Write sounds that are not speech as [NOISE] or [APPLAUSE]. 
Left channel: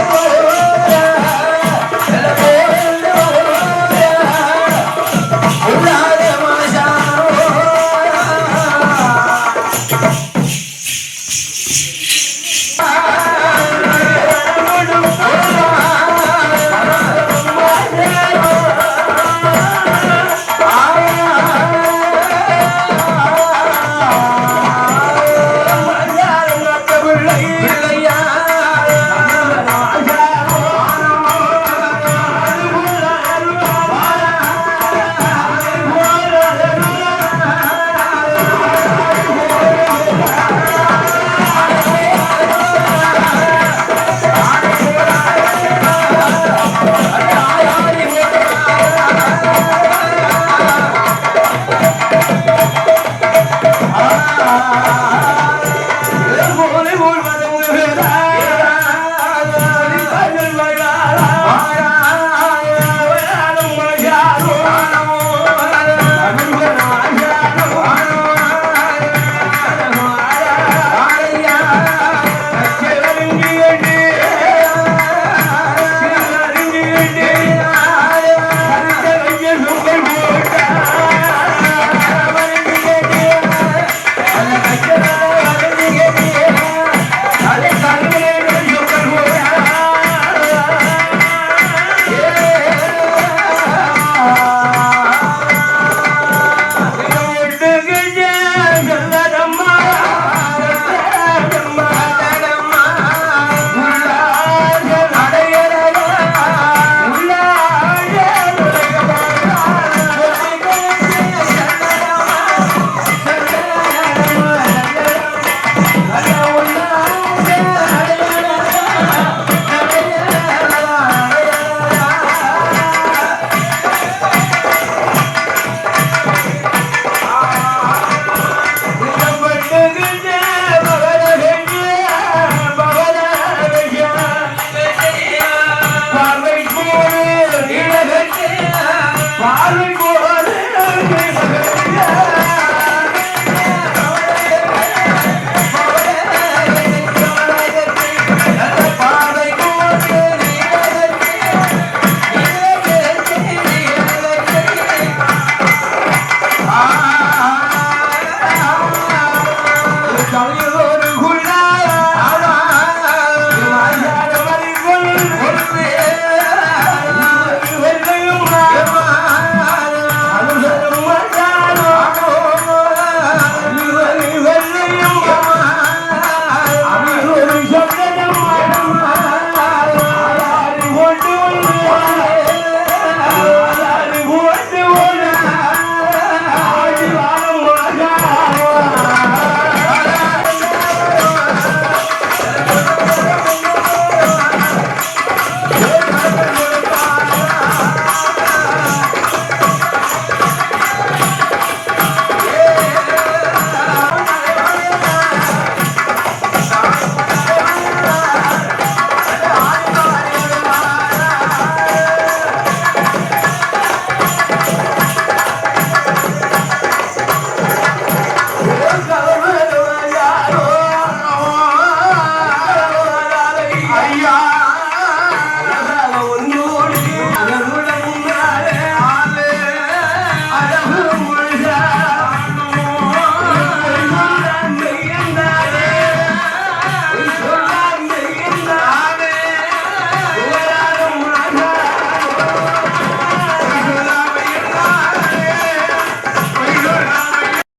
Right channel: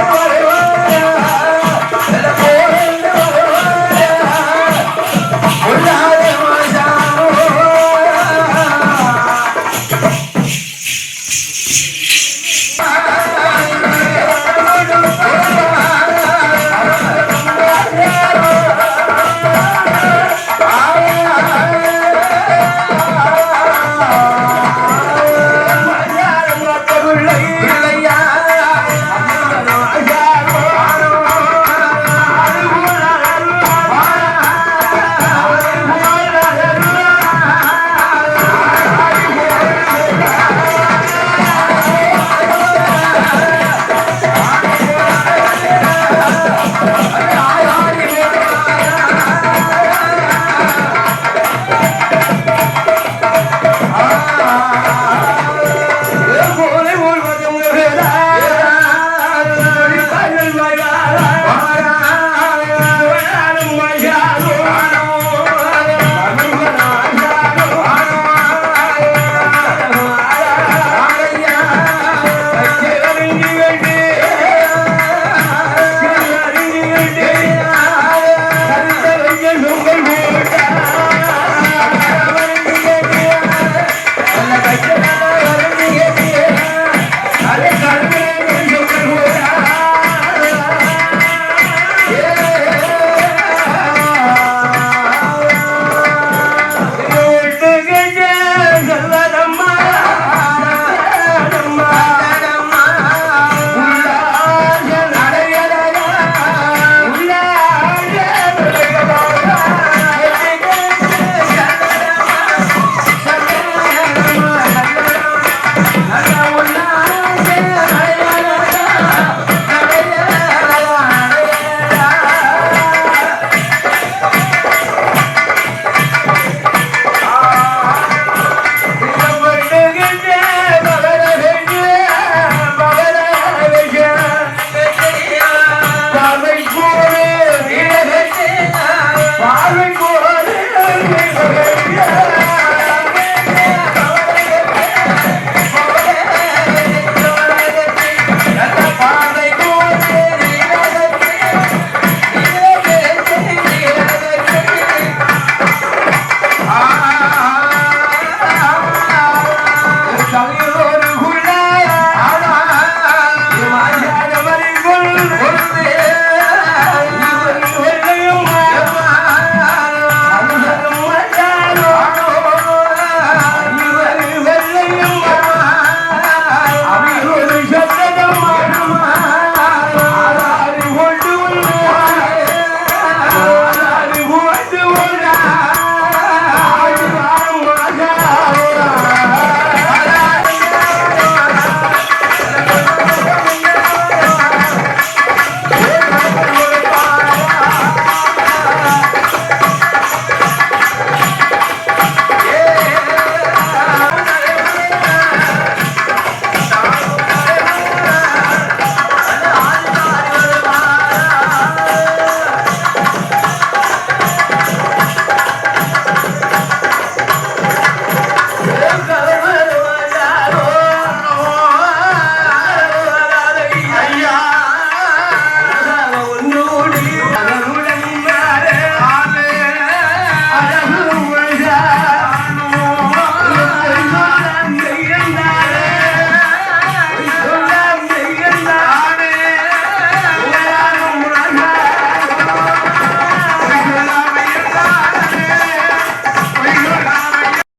Bye. Thank [LAUGHS] you.